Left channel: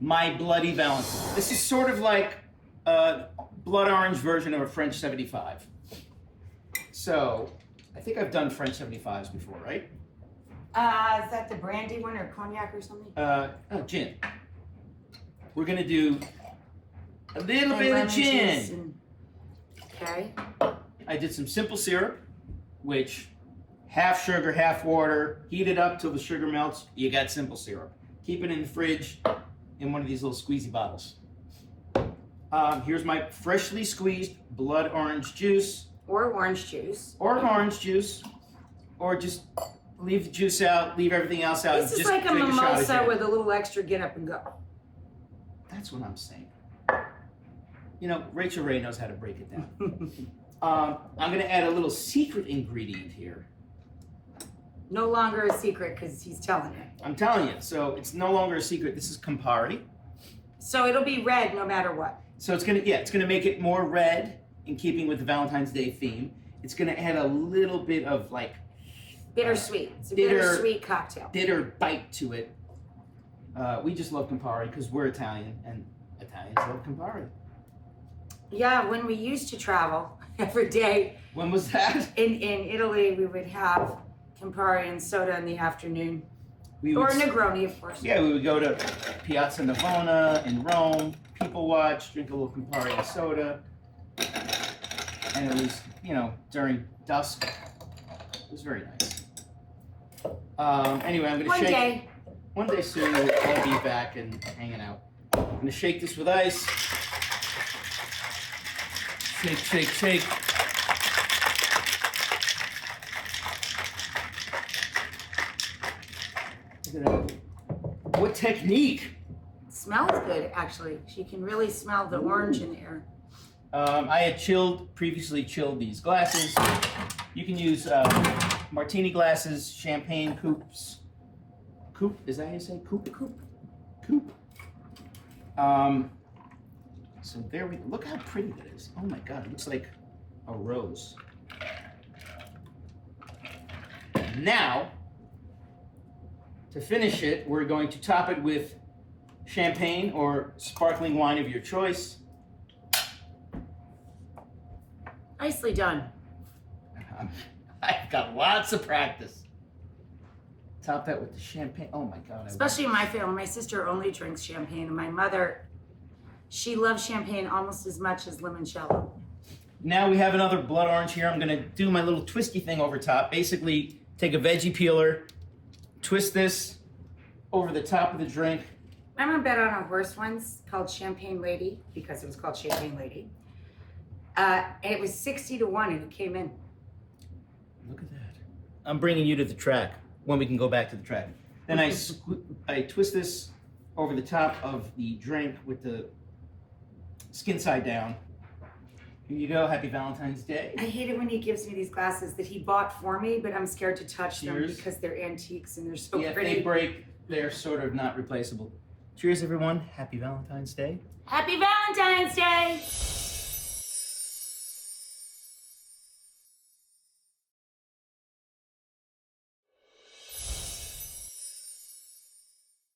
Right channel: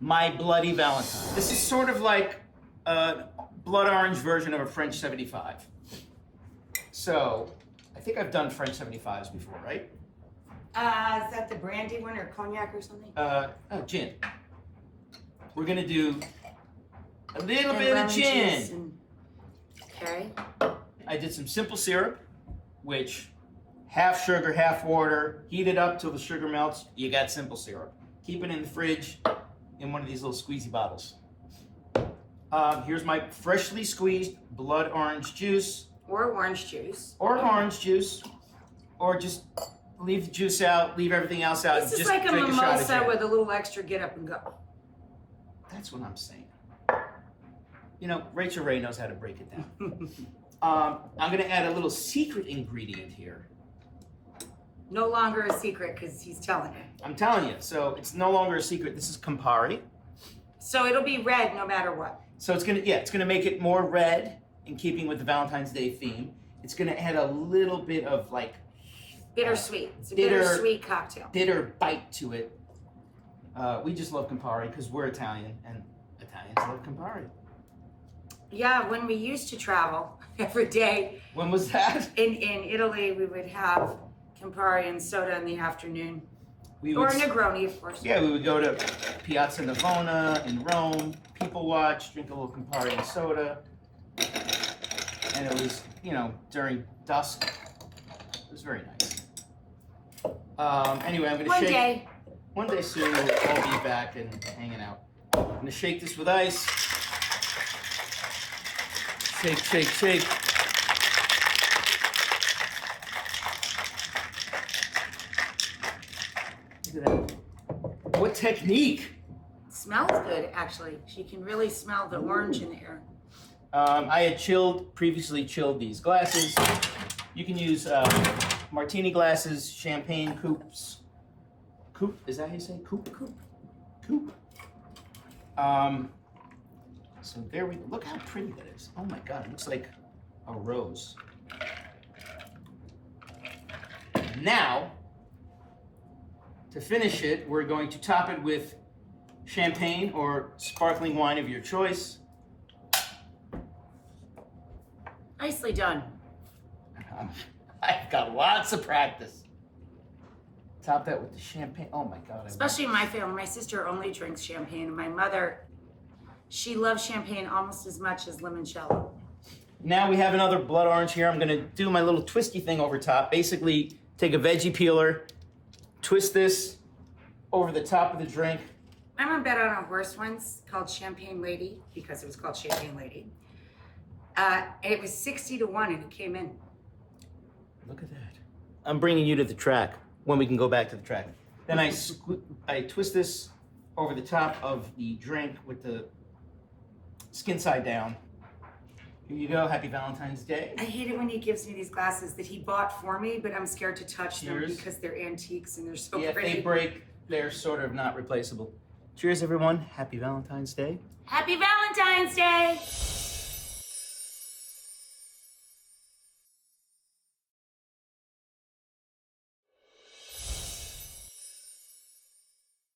My Bloody Valentine. This is sort of like a blood orange version of a French 75. So, I think I've done French 75s before, right? Is that the brandy one or cognac or something? Gin. We're gonna do a little bit of lemon gin. juice and... Okay. I did some simple syrup, which half sugar, half water. Heat it up till the sugar melts. You got simple syrup. Keep it in the fridge in one of these little squeezy bottles. Here's my freshly squeezed blood orange juice. Or orange juice. Or orange juice. Or just leave the juice out, leave everything else out. This is just like a drink shot of mimosa gin. with a little extra get up and go. That's what I'm saying. You know, Rachel Ray knows how to break it down. I'm gonna add a little secret ingredient here. No longer a secret because he's telling you. I'm telling you, so it's no longer a secret. This is Campari. So it'll be red no matter what. So it's gonna make it more red in keeping with the Valentine's Day theme. It's gonna add a little bit of like Bittersweet. It's a bitter- bittersweet cocktail. bitter bite to it. We just love Campari because we're Italian and Italians love Campari. Yeah, when we used to travel every day When was that? in Italy, we would have Campari and soda in the afternoon. We Or would, Negroni, of course. yeah, we would go to Piazza Navona in Rome, people watch, drink a little Campari and soda. And it was, you know, during dusk. It was very nice. Anyway, I'm gonna One shake. day. One day soon we'll all be back and hanging out. I'm gonna shake this with ice. Shake, shake, shake. Look at that. What technique? It smells good, actually. You can really smell the orange in the air. I had previously chilled these glasses. You can use martini glasses, champagne coupes. Coupe, is that how you say coupe? Coupe. So there we go. Look how pretty that is. Oh my God, it looks like a rose. Now, to finish it, we're going to top it with champagne or sparkling wine of your choice. Nicely done. I've got lots of practice. Top that with the champagne. Oh my God. Especially in my family. My sister only drinks champagne, and my mother, she loves champagne almost as much as limoncello. Now we have another blood orange here. I'm gonna do my little twisty thing over top. Basically, take a veggie peeler, twist this over the top of the drink. I'm gonna bet on a horse once called Champagne Lady, because it was called Champagne Lady. And it was 60-1 and it came in. Look at that. I'm bringing you to the track when we can go back to the track. Then I twist this over the top of the drink with the skin side down. Here you go. Happy Valentine's Day. I hate it when he gives me these glasses that he bought for me, but I'm scared to touch them Cheers. because they're antiques and they're so Yeah, if pretty. they break, they're sort of not replaceable. Cheers, everyone. Happy Valentine's Day. Happy Valentine's Day!